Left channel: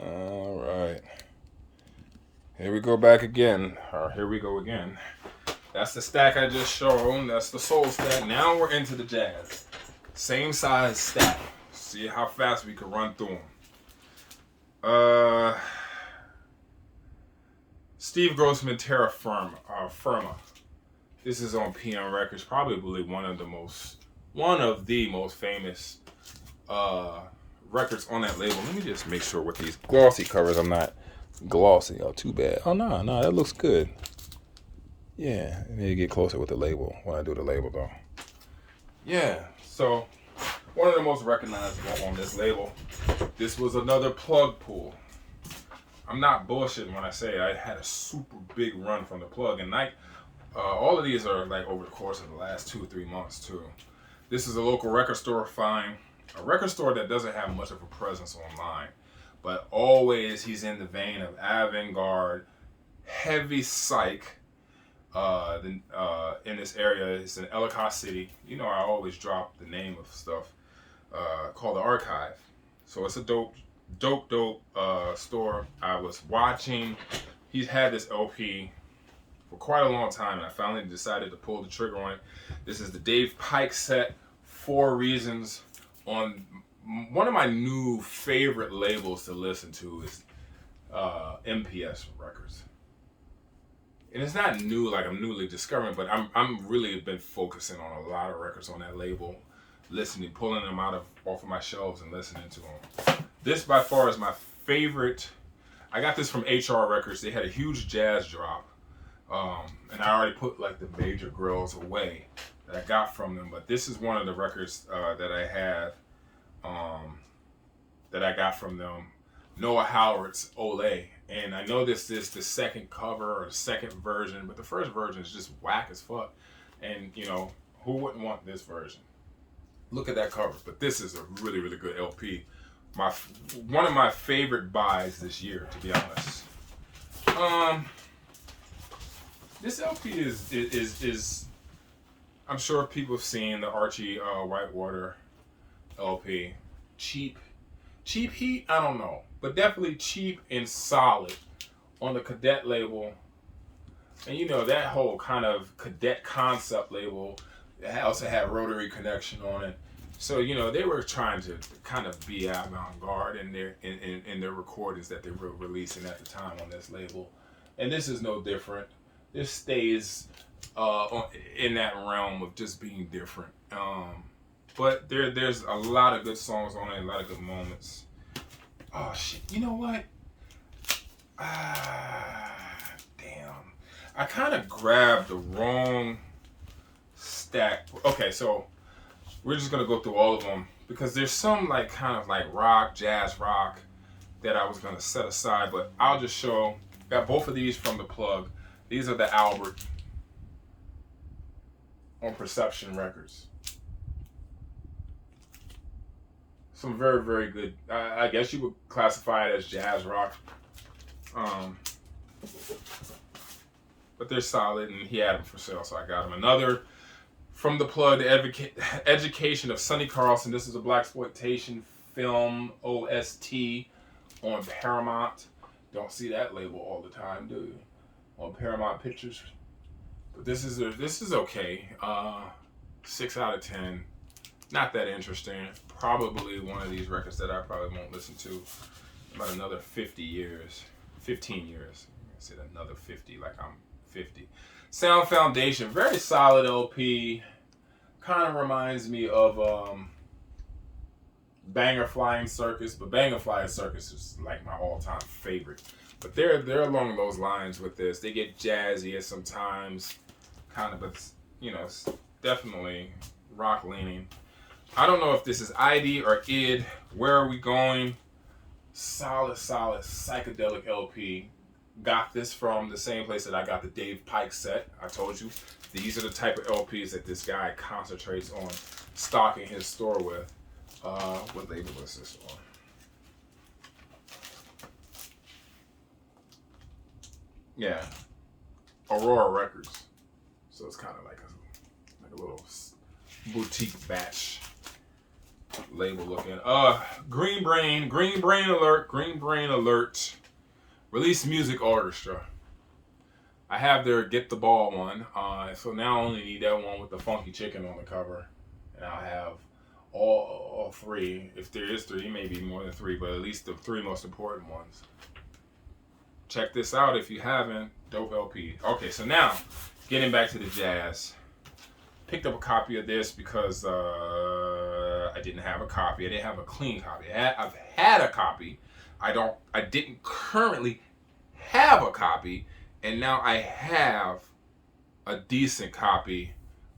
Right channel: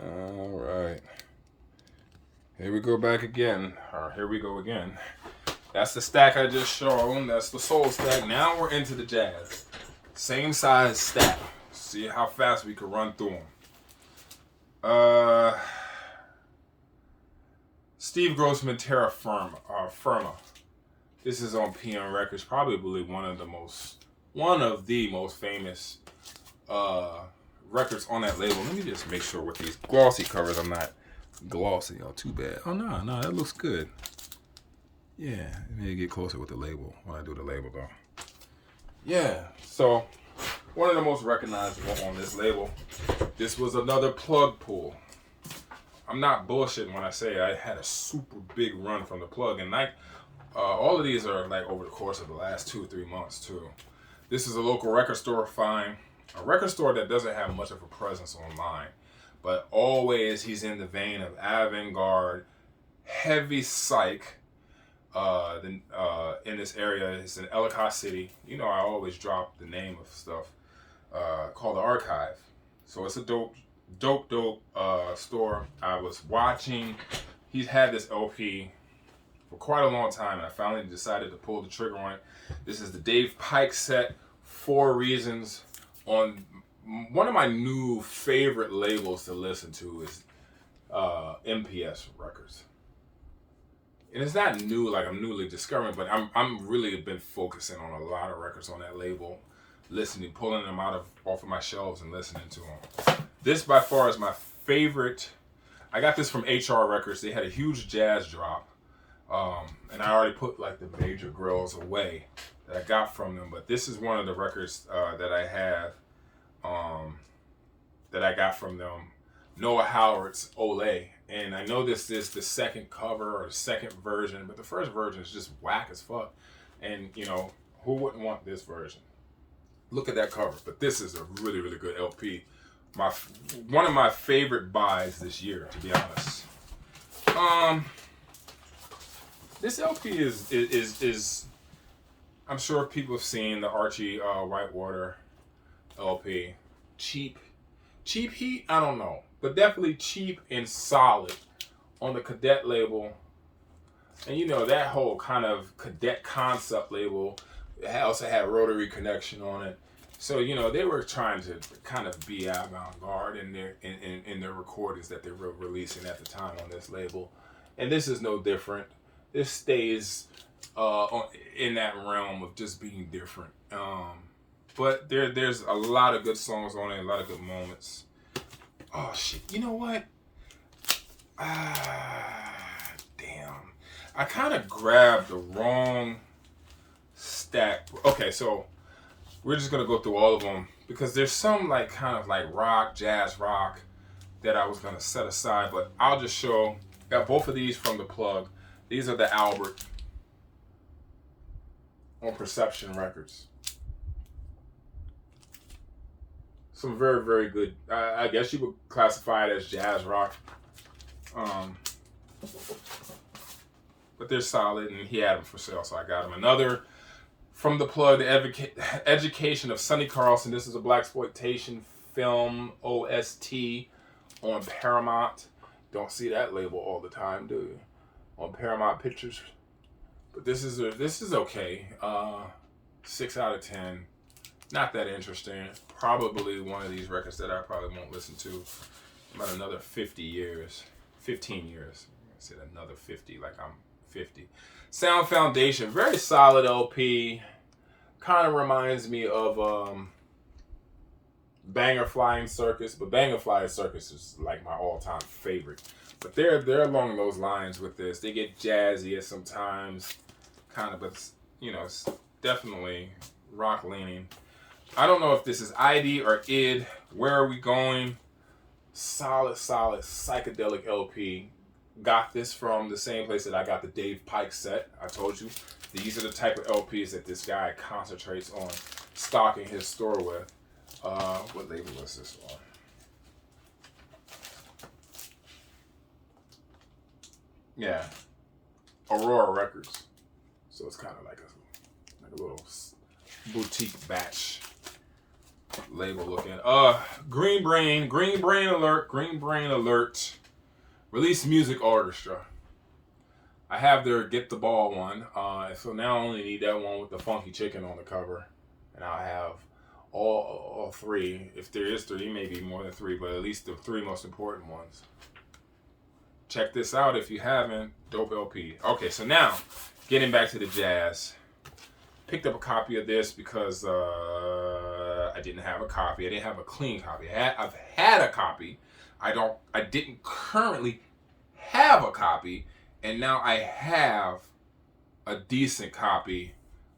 All right. Here we go back again. Or here we go again. That's the stack I just showed. That's the soul stack. Now we're into the jazz. Same size stack. See how fast we can run through them. Steve Grossman Terra Firma. This is on PM Records. Probably one of the most famous records on that label. Let me just make sure with these glossy covers I'm not glossy. Oh, too bad. Oh, no, that looks good. Yeah, I need to get closer with the label when I do the label, though. Yeah, so one of the most recognizable on this label. This was another plug pull. I'm not bullshitting when I say I had a super big run from the plug, and all of these are like over the course of the last 2 or 3 months too. This is a local record store find, a record store that doesn't have much of a presence online, but always he's in the vein of avant-garde, heavy psych. In this area, it's in Ellicott City. You know, I always drop the name of stuff called the Archive. So it's a dope store. I was watching. He's had this LP for quite a long time, and I finally decided to pull the trigger on it. This is the Dave Pike set, 4 Reasons, on one of my new favorite labels to listen to is MPS Records. And it's not new, like I'm newly discovering, but I'm really been focusing on a lot of records on that label, listening, pulling them off of my shelves and listening to them. This by far is my favorite. I got this from HR Records. They had a huge jazz drop, and I already put like the major grills away that I got from them. But this is one of the records that I have that I got from them. Noah Howard's Olay. And I know this is the second cover or the second version, but the first version is just whack as fuck. And, you know, who wouldn't want this version? Look at that cover. But this is a really, really good LP. One of my favorite buys this year, to be honest. This LP is I'm sure people have seen the Archie Whitewater LP. Cheap heat? I don't know. But definitely cheap and solid on the Cadet label. And you know, that whole kind of Cadet concept label also had Rotary Connection on it. So, you know, they were trying to kind of be avant-garde in their recordings that they were releasing at the time on this label. And this is no different. This stays in that realm of just being different. But there's a lot of good songs on it, a lot of good moments. Oh shit, you know what? Damn. I kind of grabbed the wrong stack. Okay, so we're just gonna go through all of them because there's some like kind of like rock, jazz rock that I was gonna set aside, but I'll just show. Got both of these from the plug. These are the Albert on Perception Records. Some very, very good, I guess you would classify it as jazz rock. But they're solid, and he had them for sale, so I got them. Another from the plug, the Education of Sonny Carlson. This is a blaxploitation film OST on Paramount. Don't see that label all the time, do you? On Paramount Pictures. But this is okay. 6 out of 10. Not that interesting. Probably one of these records that I probably won't listen to about another 15 years. I said another 50, like I'm 50. Sound Foundation, very solid LP. Kind of reminds me of Banger Flying Circus, but Banger Flying Circus is like my all-time favorite. But they're along those lines with this. They get jazzy sometimes, kind of, but you know, it's definitely rock leaning. I don't know if this is ID or ID. Where are we going? Solid psychedelic LP. Got this from the same place that I got the Dave Pike set. I told you, these are the type of LPs that this guy concentrates on stocking his store with. What label was this on? Yeah, Aurora Records. So it's kind of like a little boutique batch label looking. Green Brain Alert. Release Music Orchestra. I have their Get the Ball one. So now I only need that one with the funky chicken on the cover. And I'll have all three. If there is three, maybe more than three, but at least the three most important ones. Check this out if you haven't. Dope LP. Okay, so now, getting back to the jazz. Picked up a copy of this because I didn't have a copy. I didn't have a clean copy. I've had a copy. I didn't currently have a copy, and now I have a decent copy,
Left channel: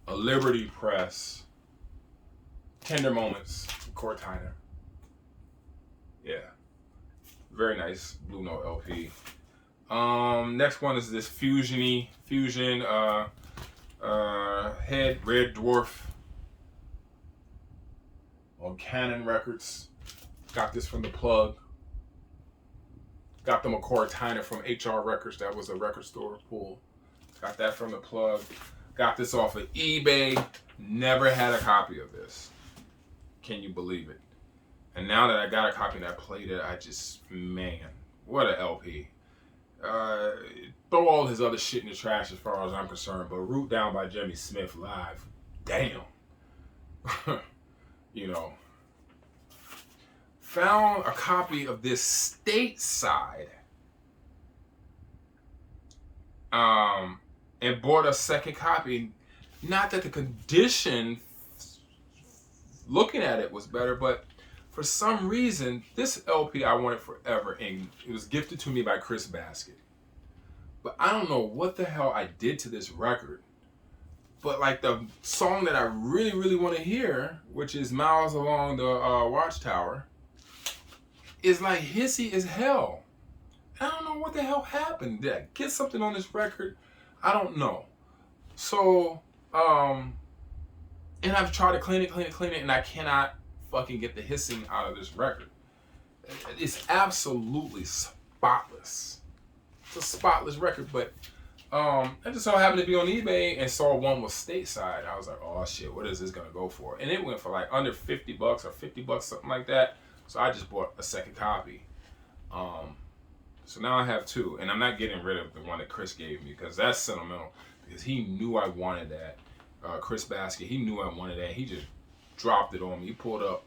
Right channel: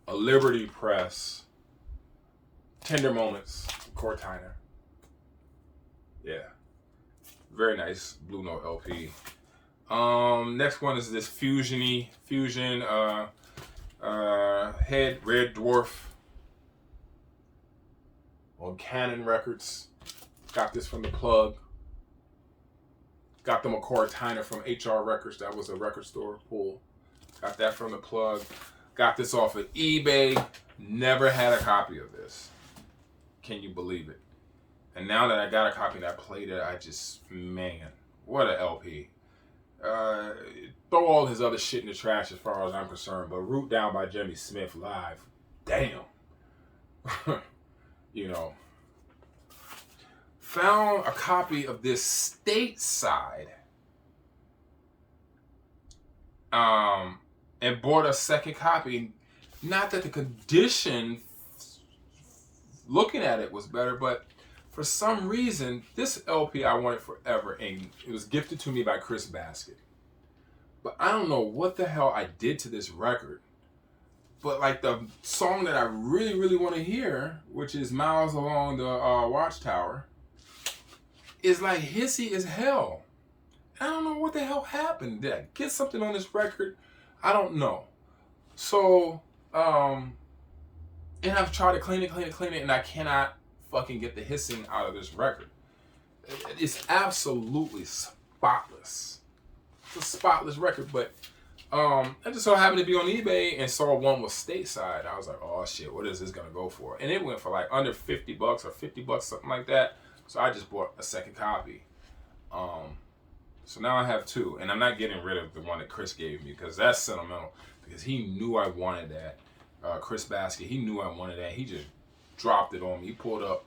a Liberty Press, Tender Moments, Core Tyner. Yeah, very nice Blue Note LP. Next one is this Fusion Head Red Dwarf on Canon Records. Got this from the plug. Got the McCoy Tyner from HR Records. That was a record store pull. Got that from the plug. Got this off of eBay. Never had a copy of this. Can you believe it? And now that I got a copy and I played it, man, what a LP. Throw all his other shit in the trash as far as I'm concerned, but Root Down by Jimmy Smith live, damn. You know, found a copy of this stateside, and bought a second copy. Not that the condition, looking at it, was better, but for some reason, this LP I wanted forever, and it was gifted to me by Chris Basket. But I don't know what the hell I did to this record. But like the song that I really, really want to hear, which is Miles Along the Watchtower, is like hissy as hell. I don't know what the hell happened. Did I get something on this record? I don't know. So, and I've tried to clean it, and I cannot fucking get the hissing out of this record. It's absolutely spotless. It's a spotless record, but I just so happened to be on eBay and saw one with stateside. I was like, oh shit, what is this gonna go for? And it went for like under $50 or $50, something like that. So I just bought a second copy. So now I have two, and I'm not getting rid of the one that Chris gave me because that's sentimental. Because he knew I wanted that. Chris Basket, he knew I wanted that. He just dropped it on me. He pulled up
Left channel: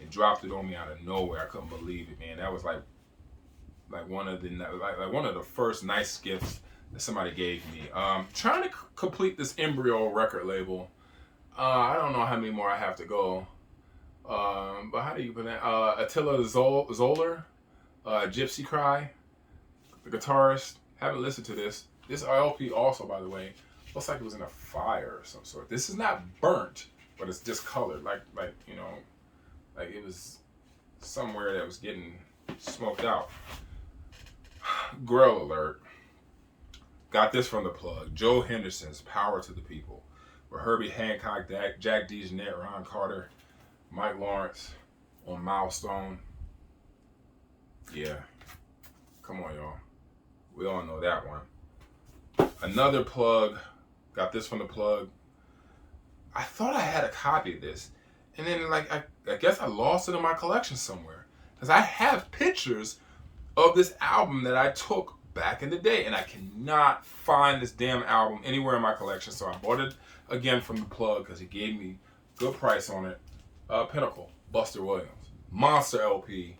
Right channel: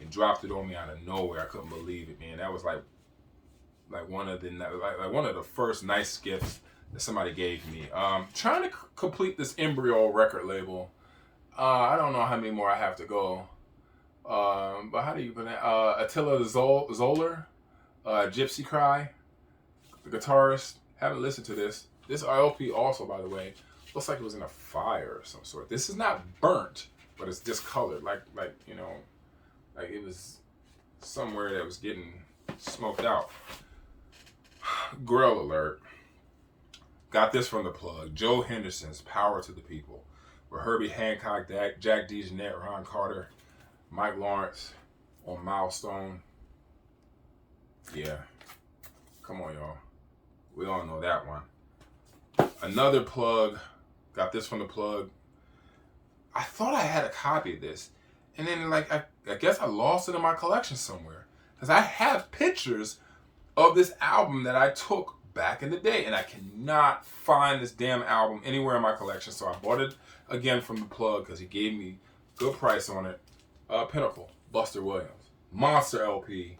and dropped it on me out of nowhere. I couldn't believe it, man. That was like one of the first nice gifts that somebody gave me. Trying to complete this embryo record label. I don't know how many more I have to go. But how do you put that? Attila Zoller, Gypsy Cry, the guitarist. Haven't listened to this. This LP also, by the way, looks like it was in a fire of some sort. This is not burnt, but it's discolored, like you know, like it was somewhere that was getting smoked out. Grill alert. Got this from the plug. Joe Henderson's Power to the People, with Herbie Hancock, Jack DeJohnette, Ron Carter, Mike Lawrence on Milestone. Yeah. Come on, y'all. We all know that one. Another plug. Got this from the plug. I thought I had a copy of this. And then, like, I guess I lost it in my collection somewhere. Because I have pictures of this album that I took back in the day. And I cannot find this damn album anywhere in my collection. So I bought it again from the plug because he gave me a good price on it. Pinnacle, Buster Williams. Monster LP.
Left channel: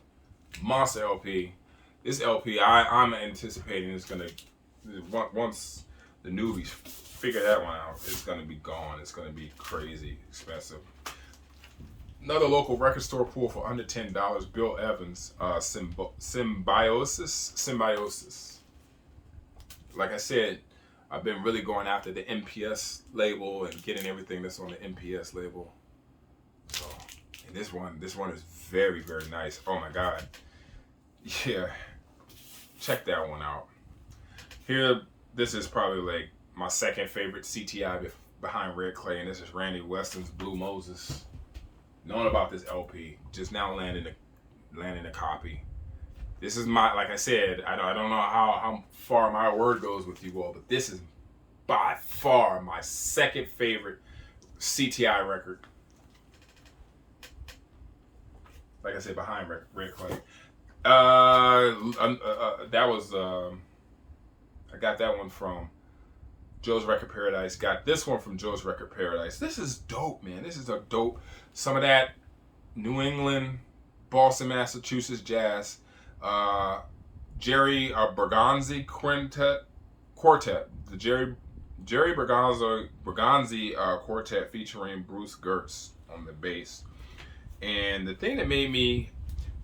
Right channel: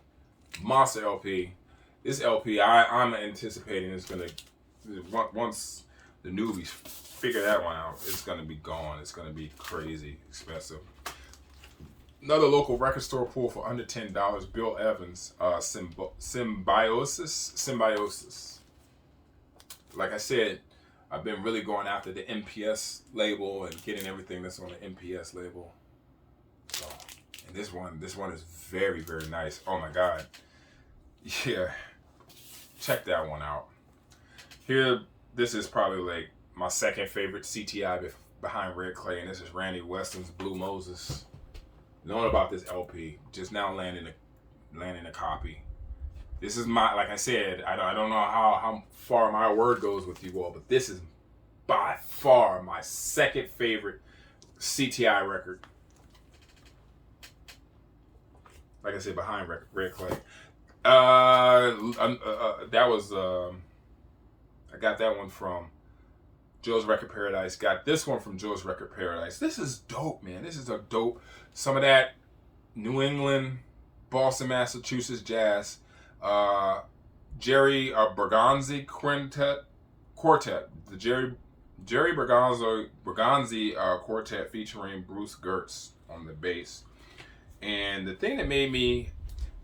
This LP, I'm anticipating is going to, once the newbies figure that one out, it's going to be gone. It's going to be crazy expensive. Another local record store pull for under $10. Bill Evans, Symbiosis. Like I said, I've been really going after the MPS label and getting everything that's on the MPS label. So, and this one is very, very nice. Oh my God. Yeah. Check that one out. Here, this is probably like my second favorite CTI behind Red Clay, and this is Randy Weston's Blue Moses. Knowing about this LP, just now landing a copy. This is my, like I said, I don't know how far my word goes with you all, but this is by far my second favorite CTI record. like I said, behind Red Clay. That was I got that one from Joe's Record Paradise. Got this one from Joe's Record Paradise. This is dope, man. This is a dope. Some of that New England, Boston, Massachusetts jazz. Jerry Bergonzi Quartet. The Jerry Bergonzi Quartet featuring Bruce Gertz on the bass. And the thing that made me,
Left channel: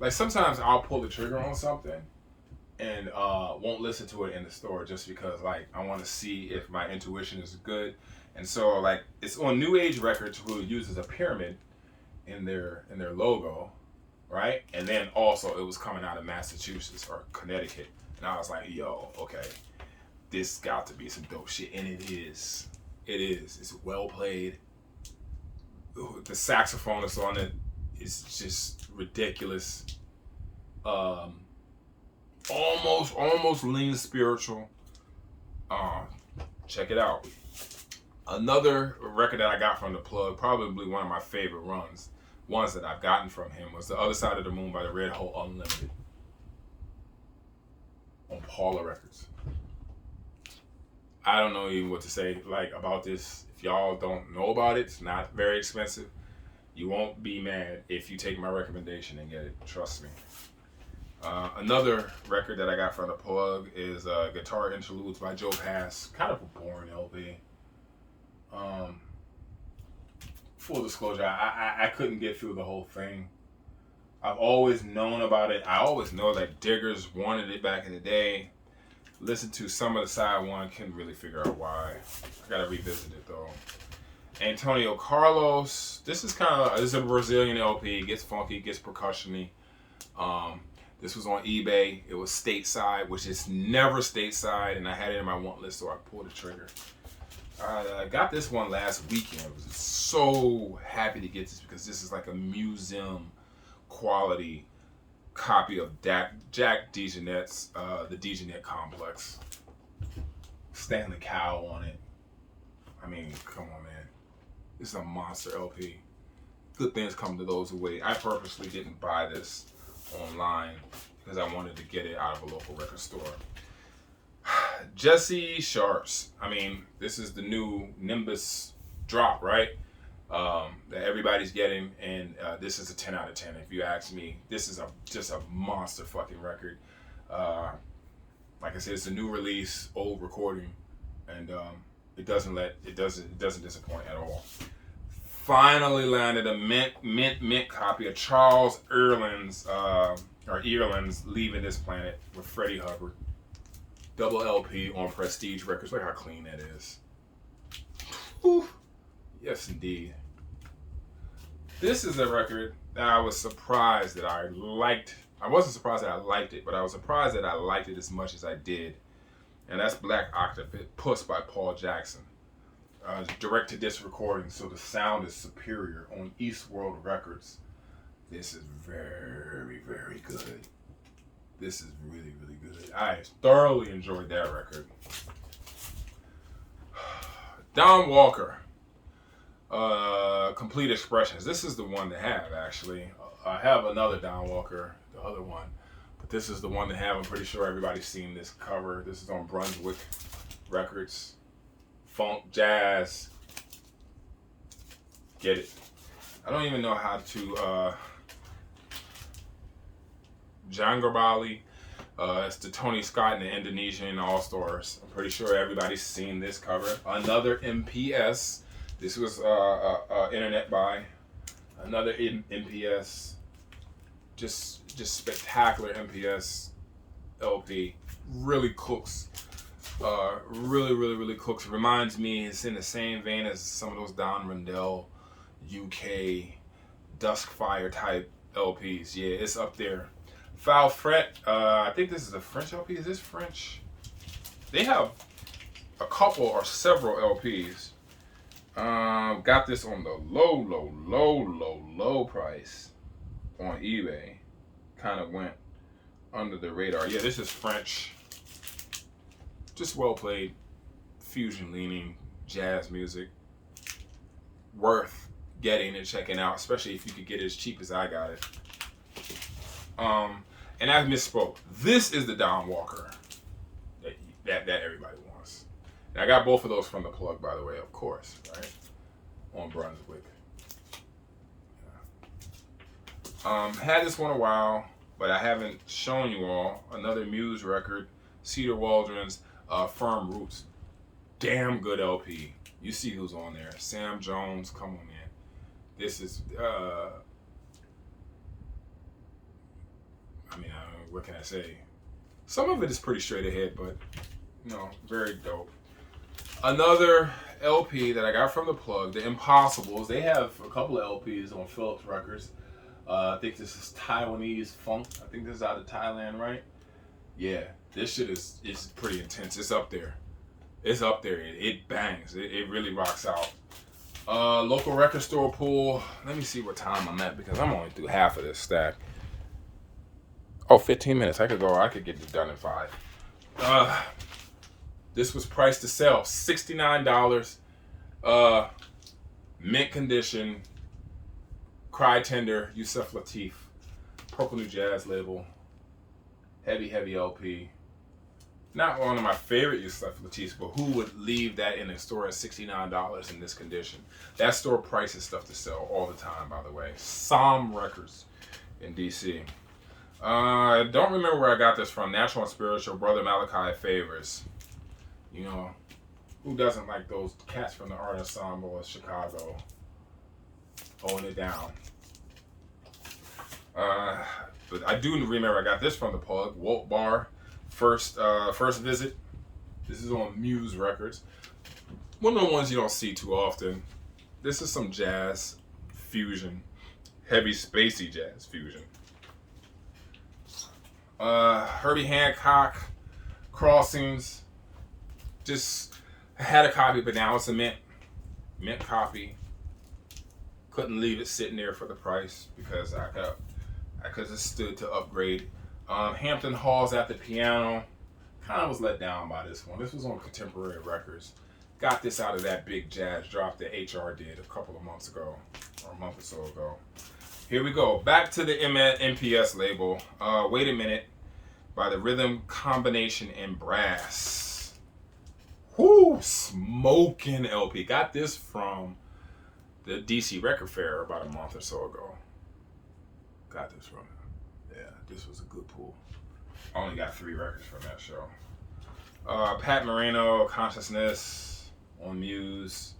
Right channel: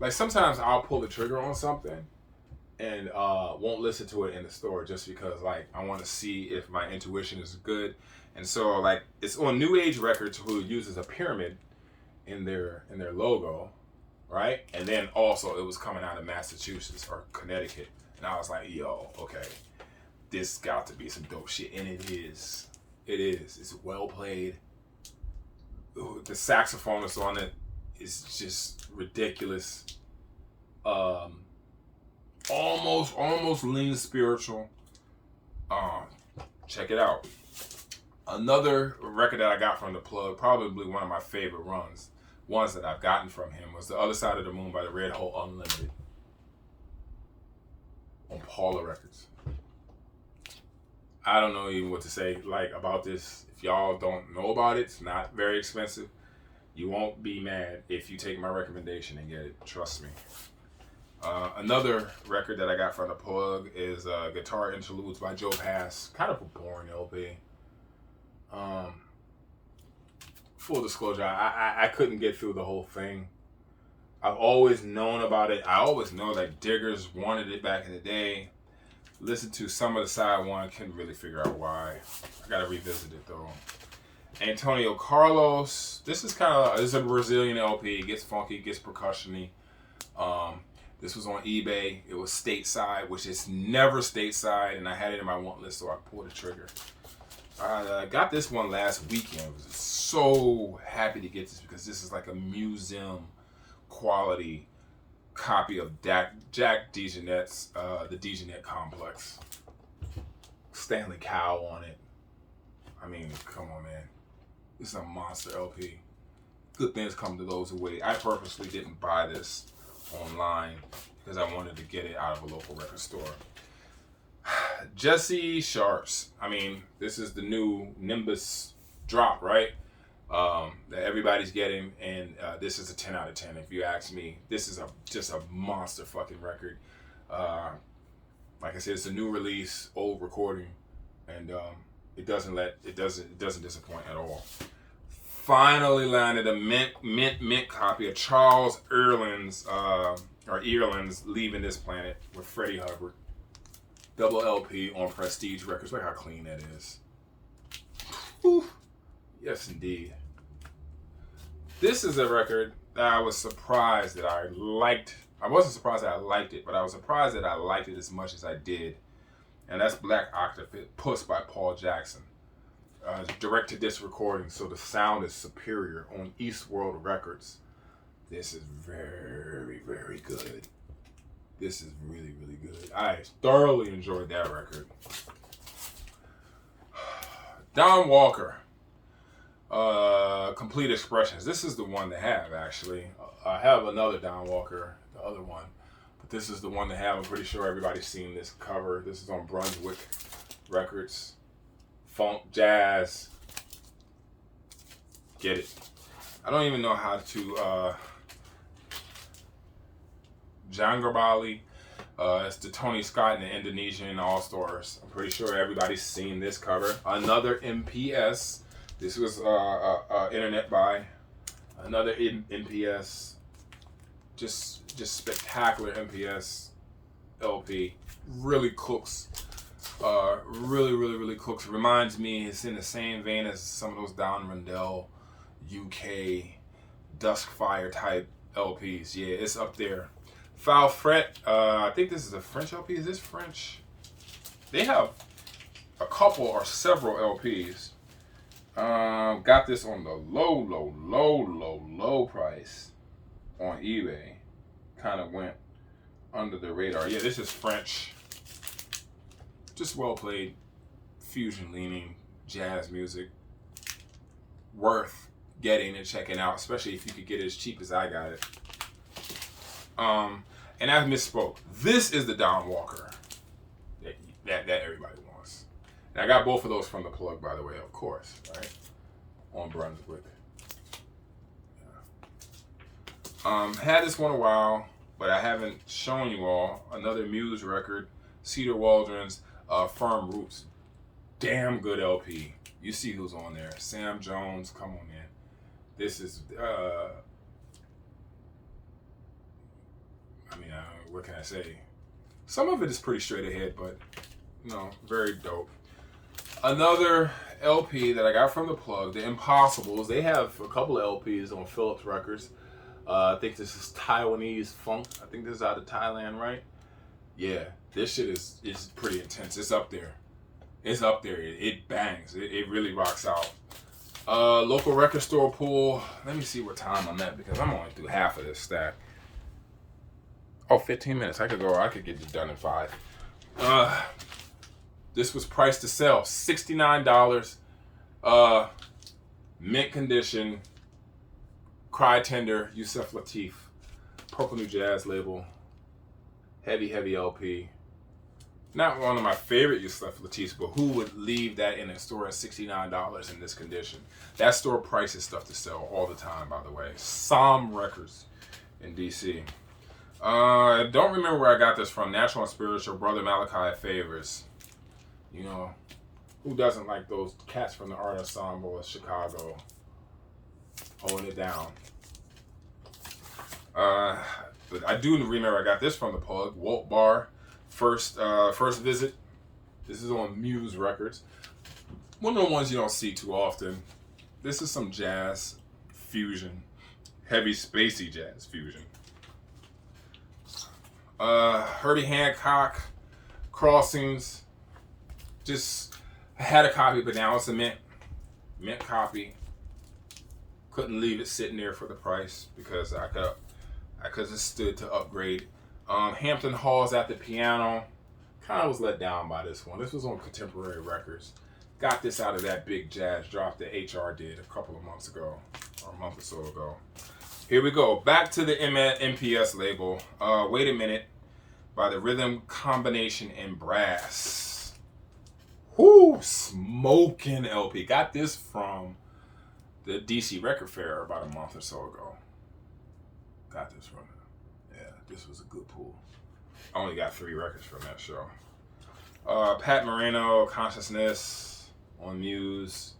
like, sometimes I'll pull the trigger on something and won't listen to it in the store just because, like, I want to see if my intuition is good. And so, like, it's on New Age Records, who uses a pyramid in their logo, right? And then also it was coming out of Massachusetts or Connecticut, and I was like, yo, okay, this got to be some dope shit, and it is. It is. It's well played. The saxophonist on it is just ridiculous. Almost leans spiritual. Check it out. Another record that I got from the plug, probably one of my favorite ones that I've gotten from him, was The Other Side of the Moon by the Red Hole Unlimited on Paula Records. I don't know even what to say like about this. If y'all don't know about it, it's not very expensive. You won't be mad if you take my recommendation and get it. Trust me. Another record that I got from the plug is Guitar Interludes by Joe Pass. Kind of a boring LP. Full disclosure, I couldn't get through the whole thing. I've always known about it. I always know that Diggers wanted it back in the day. Listened to some of the side one, couldn't really figure out why. I gotta revisit it though. Antonio Carlos. This is a Brazilian LP. Gets funky, gets percussion-y. This was on eBay. It was stateside, which is never stateside, and I had it in my want list, so I pulled the trigger. I got this one last weekend. I was so happy to get this because this is like a museum quality copy of Jack DeJohnette's The DeJohnette Complex. Stanley Cowell on it. I mean, come on, man. This is a monster LP. Good things come to those who wait. I purposely didn't buy this online because I wanted to get it out of a local record store. Jesse Sharps. I mean, this is the new Nimbus drop, right? That everybody's getting, and this is a 10 out of 10 if you ask me. This is just a monster fucking record. Like I said, it's a new release, old recording, and it doesn't disappoint at all. Finally landed a mint copy of Charles Earland's Leaving This Planet with Freddie Hubbard. Double LP on Prestige Records. Look how clean that is. Whew. Yes, indeed. This is a record that I was surprised that I liked. I wasn't surprised that I liked it, but I was surprised that I liked it as much as I did. And that's Black Octopus by Paul Jackson. Direct to disc recording, so the sound is superior on East World Records. This is very, very good. This is really, really good. I thoroughly enjoyed that record. Don Walker, Complete Expressions. This is the one to have, actually. I have another Don Walker, the other one, but this is the one to have. I'm pretty sure everybody's seen this cover. This is on Brunswick Records. Funk, jazz. Get it. I don't even know how to... Jangrabali. It's the Tony Scott and the Indonesian All-Stars. I'm pretty sure everybody's seen this cover. Another MPS. This was internet buy. Another MPS. Just spectacular MPS LP. Really cooks. Really cooks. Reminds me, it's in the same vein as some of those Don Rundell UK Duskfire type LPs. Yeah, it's up there. Foul Fret, I think this is a French LP. Is this French? They have a couple or several LPs. Got this on the low price on eBay. Kind of went under the radar. Yeah, this is French. Just well played, fusion leaning jazz music. Worth getting and checking out, especially if you could get it as cheap as I got it. And I misspoke. This is the Don Walker that everybody wants. And I got both of those from the plug, by the way, of course, right? On Brunswick. Yeah. Had this one a while, but I haven't shown you all. Another Muse record, Cedar Waldron's Firm Roots. Damn good LP. You see who's on there. Sam Jones, come on, man. This is, what can I say? Some of it is pretty straight ahead, but, very dope. Another LP that I got from the plug, The Impossibles. They have a couple of LPs on Philips Records. I think this is Taiwanese funk. I think this is out of Thailand, right? Yeah, this shit is pretty intense. It's up there. It's up there. It bangs. It really rocks out. Local record store pool. Let me see what time I'm at because I'm only through half of this stack. Oh, 15 minutes. I could get this done in 5. This was priced to sell $69. Mint condition. Cry Tender. Yusef Lateef. Purple New Jazz label. Heavy LP. Not one of my favorite Yusef Lateefs, but who would leave that in a store at $69 in this condition? That store prices stuff to sell all the time, by the way. Som Records in DC. I don't remember where I got this from. Natural and Spiritual, Brother Malachi Favors. Who doesn't like those cats from the Art Ensemble of Chicago holding it down? But I do remember I got this from the plug, Wolt Bar, First Visit. This is on Muse Records. One of the ones you don't see too often. This is some jazz fusion, heavy spacey jazz fusion. Herbie Hancock, Crossings. Just had a copy, but now it's a mint copy. Couldn't leave it sitting there for the price because I could have stood to upgrade. Hampton Hall's at the Piano. Kind of was let down by this one. This was on Contemporary Records. Got this out of that big jazz drop that HR did a couple of months ago, or a month or so ago. Here we go. Back to the MPS label. Wait a Minute by the Rhythm Combination in Brass. Whoo! Smoking LP. Got this from the DC Record Fair about a month or so ago. Got this from this was a good pull. I only got 3 records from that show. Pat Moreno, Consciousness on Muse.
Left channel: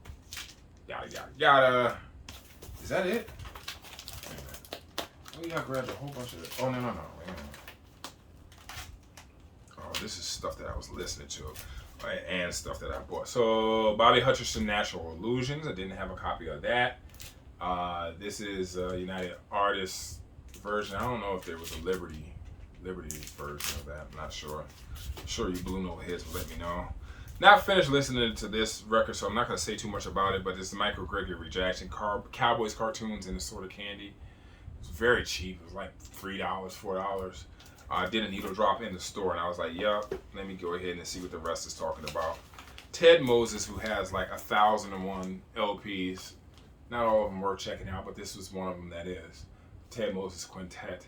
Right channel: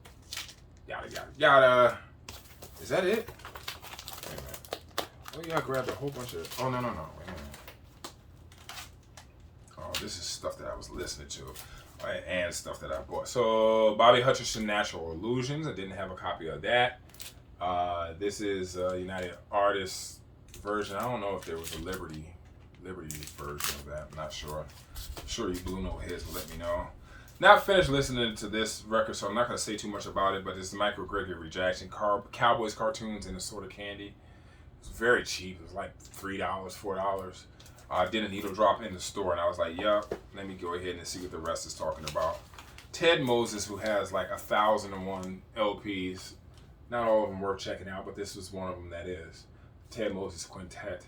Yada. Is that it? Wait a minute. Oh, yeah, I grabbed a whole bunch of... Oh, no. Wait a minute. Oh, this is stuff that I was listening to. Right, and stuff that I bought. So, Bobby Hutcherson, Natural Illusions. I didn't have a copy of that. This is United Artists version. I don't know if there was a Liberty version of that. I'm not sure. I'm sure you Blue Note heads will let me know. Not finished listening to this record, so I'm not going to say too much about it, but it's Michael Gregory Rejection, Cowboys cartoons and assorted candy. It was very cheap. It was like $3, $4. I did a needle drop in the store, and I was like, yup, let me go ahead and see what the rest is talking about. Ted Moses, who has like 1,001 LPs. Not all of them worth checking out, but this was one of them that is. Ted Moses Quintet.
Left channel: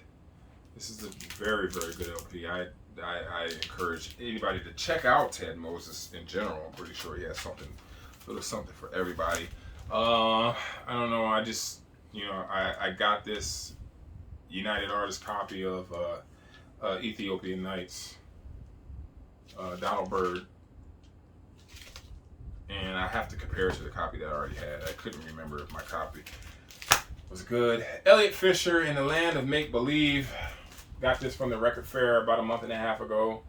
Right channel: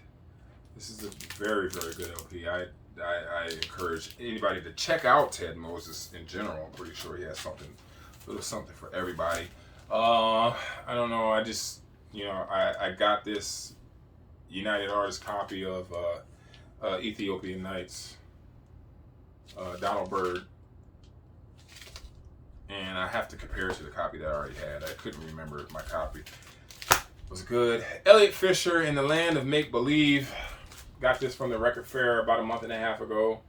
This is a very, very good LP. I encourage anybody to check out Ted Moses in general. I'm pretty sure he has a little something for everybody. I don't know. I just, I got this United Artists copy of Ethiopian Nights, Donald Byrd, and I have to compare it to the copy that I already had. I couldn't remember if my copy was good. Elliot Fisher, In the Land of Make Believe. Got this from the Record Fair about a month and a half ago.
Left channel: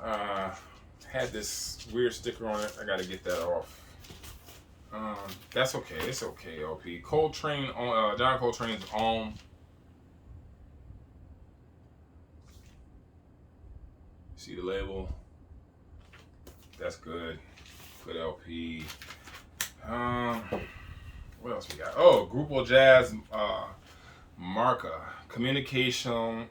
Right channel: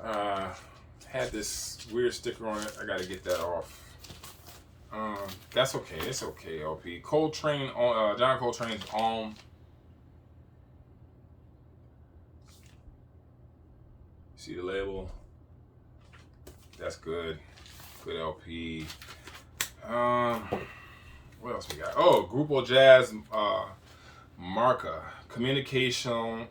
Had this weird sticker on it. I got to get that off. That's okay. It's okay, LP. Coltrane, John Coltrane's Om. See the label? That's good. Good LP. What else we got? Oh, Grupo Jazz Marca. Communicación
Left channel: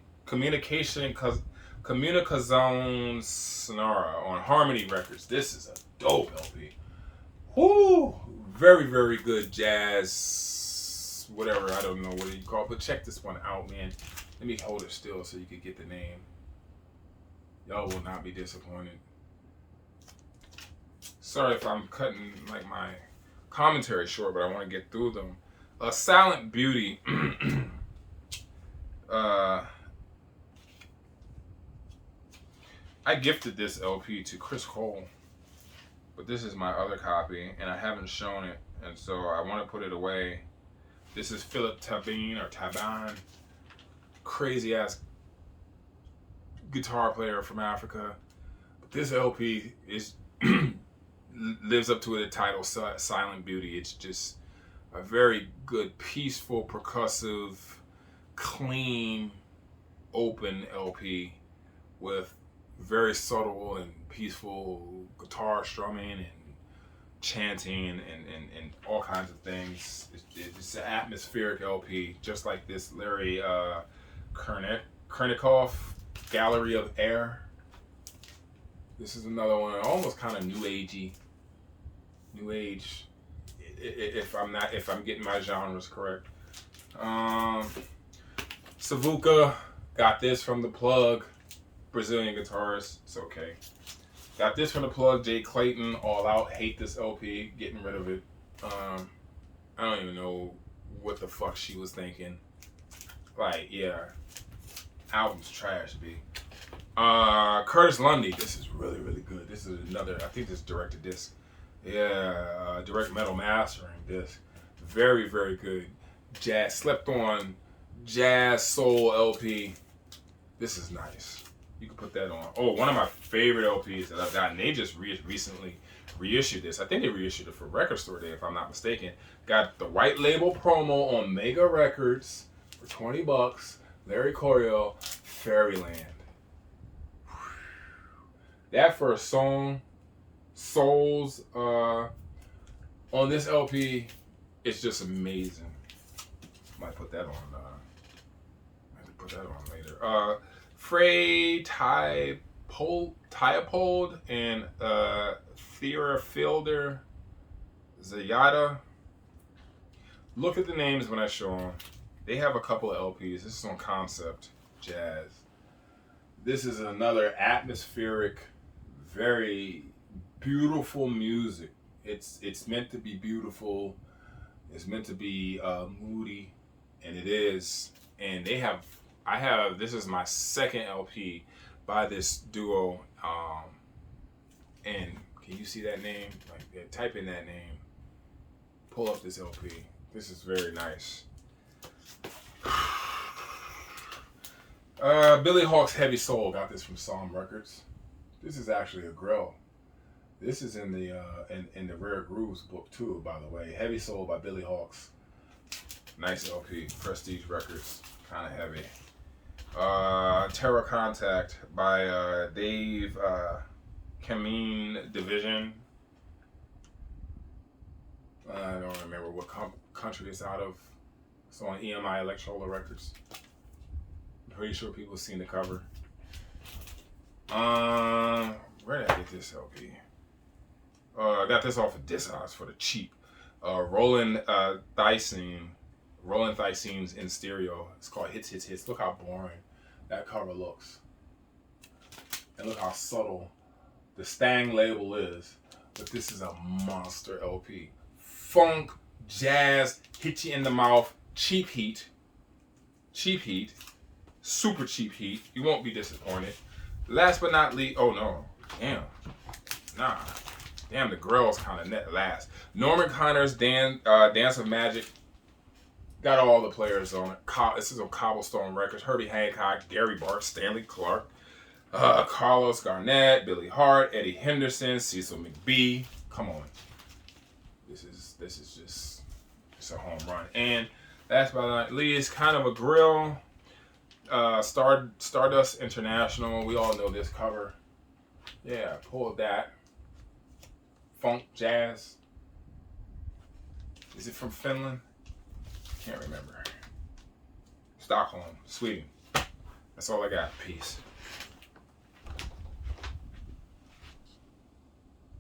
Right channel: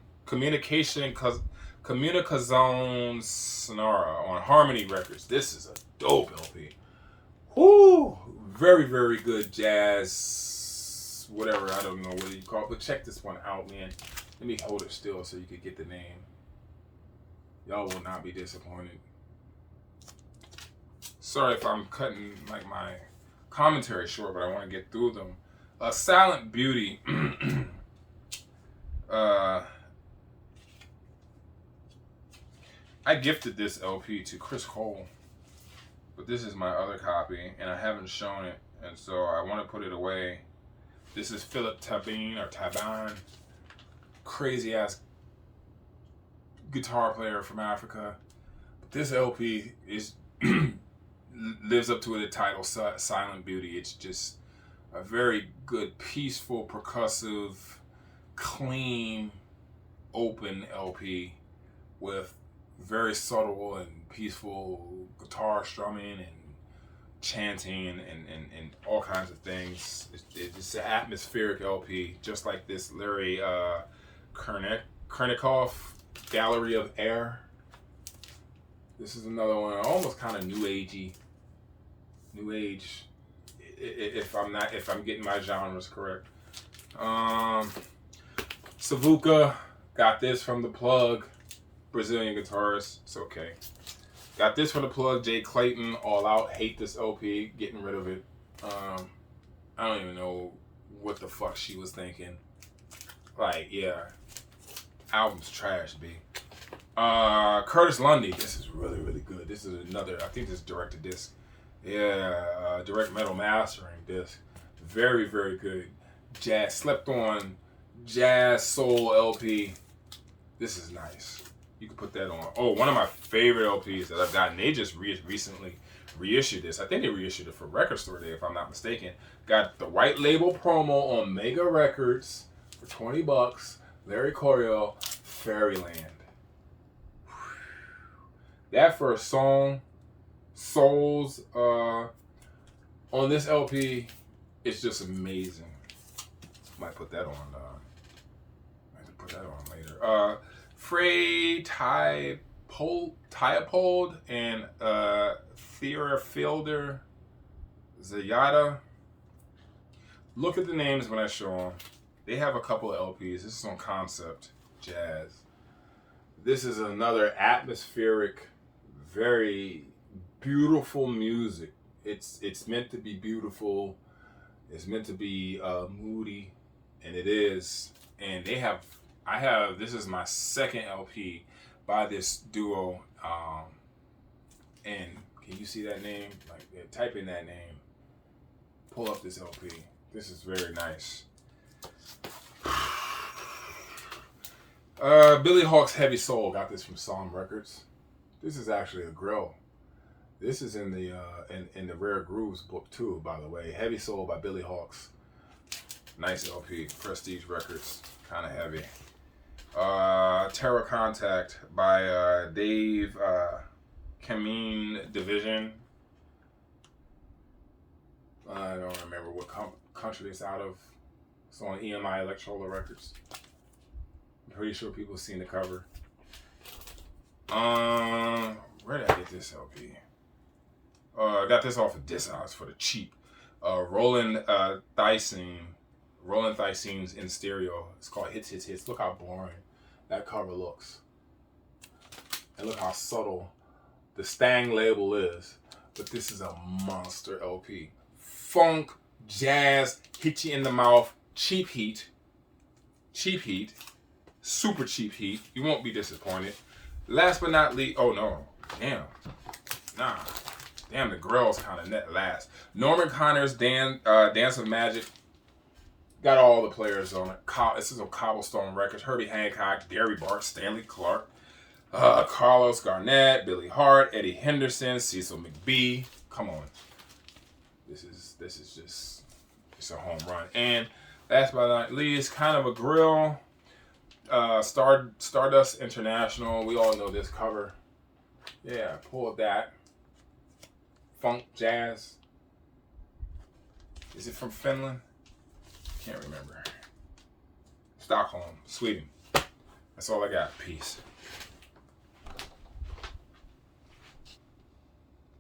Sonora on Harmony Records. This is a dope LP. Whoo! Very, very good jazz. Whatever, I don't know what you call it, but check this one out, man. Let me hold it still so you can get the name. Y'all will not be disappointed. Sorry if I'm cutting like my commentary short, but I want to get through them. Silent Beauty. I gifted this LP to Chris Cole, but this is my other copy, and I haven't shown it, and so I want to put it away. This is Philip Taban, crazy ass guitar player from Africa. But this LP is lives up to the title, Silent Beauty. It's just a very good, peaceful, percussive, clean, open LP with very subtle and peaceful guitar strumming and chanting and all kinds of things. It's an atmospheric LP, just like this Larry Kernikoff, Gallery of Air. This is another one, almost kind of new agey. New age, if I'm getting my genres correct. Savuka, got this from The Plug, Brazilian guitarist. It's okay. Got this from The Plug, Jay Clayton, All Out. Hate this LP, getting rid of it. I don't even know what the fuck she was thinking. Like, yeah, album's trash, B. Curtis Lundy, this is really, really good. This is another, I think this is direct to disc. Yeah, direct metal mastering disc. Very, very good. Jazz, slept on jazz soul LP. This is nice. You can put that on. Oh, one of my favorite LPs that I've gotten. They just recently reissued this. I think they reissued it for Record Store Day, if I'm not mistaken. Got the white label promo on Mega Records for $20. Larry Coryell, Fairyland. That first song, Souls, on this LP, it's just amazing. Might put that on. Later. Frey Tyapold and Theophilder Zayada. Look at the names when I show them. They have a couple of LPs. This is on Concept Jazz. This is another atmospheric, very beautiful music. It's meant to be beautiful. It's meant to be moody, and it is. And this is my second LP by this duo. And can you see that name? Like, type in that name. Pull up this LP. This is very nice. Billy Hawk's Heavy Soul, got this from Psalm Records. This is actually a grill. This is in the in the Rare Grooves book too, by the way. Heavy Soul by Billy Hawk's. Nice LP. Prestige Records. Kind of heavy. Terror Contact by Dave Kameen Division. I don't remember what country it's out of. It's on EMI Electrola Records. I'm pretty sure people have seen the cover. Where did I get this LP? I got this off of Discogs for the cheap. Roland Thysene's in stereo. It's called Hits, Hits, Hits. Look how boring that cover looks. And look how subtle the Stang label is. But this is a monster LP. Funk, jazz, hit you in the mouth, cheap heat. Cheap heat. Super cheap heat. You won't be disappointed. Last but not least, oh no. Damn. Nah. Damn, the grill's kind of net last. Norman Connor's Dance of Magic. Got all the players on it. This is on Cobblestone Records. Herbie Hancock, Gary Bart, Stanley Clark, Carlos Garnett, Billy Hart, Eddie Henderson, Cecil McBee. Come on. This is just, it's a home run. And last but not least, kind of a grill. Stardust International. We all know this cover. Yeah, pull that. Funk, jazz. Is it from Finland? Can't remember. Stockholm, Sweden. That's all I got. Peace.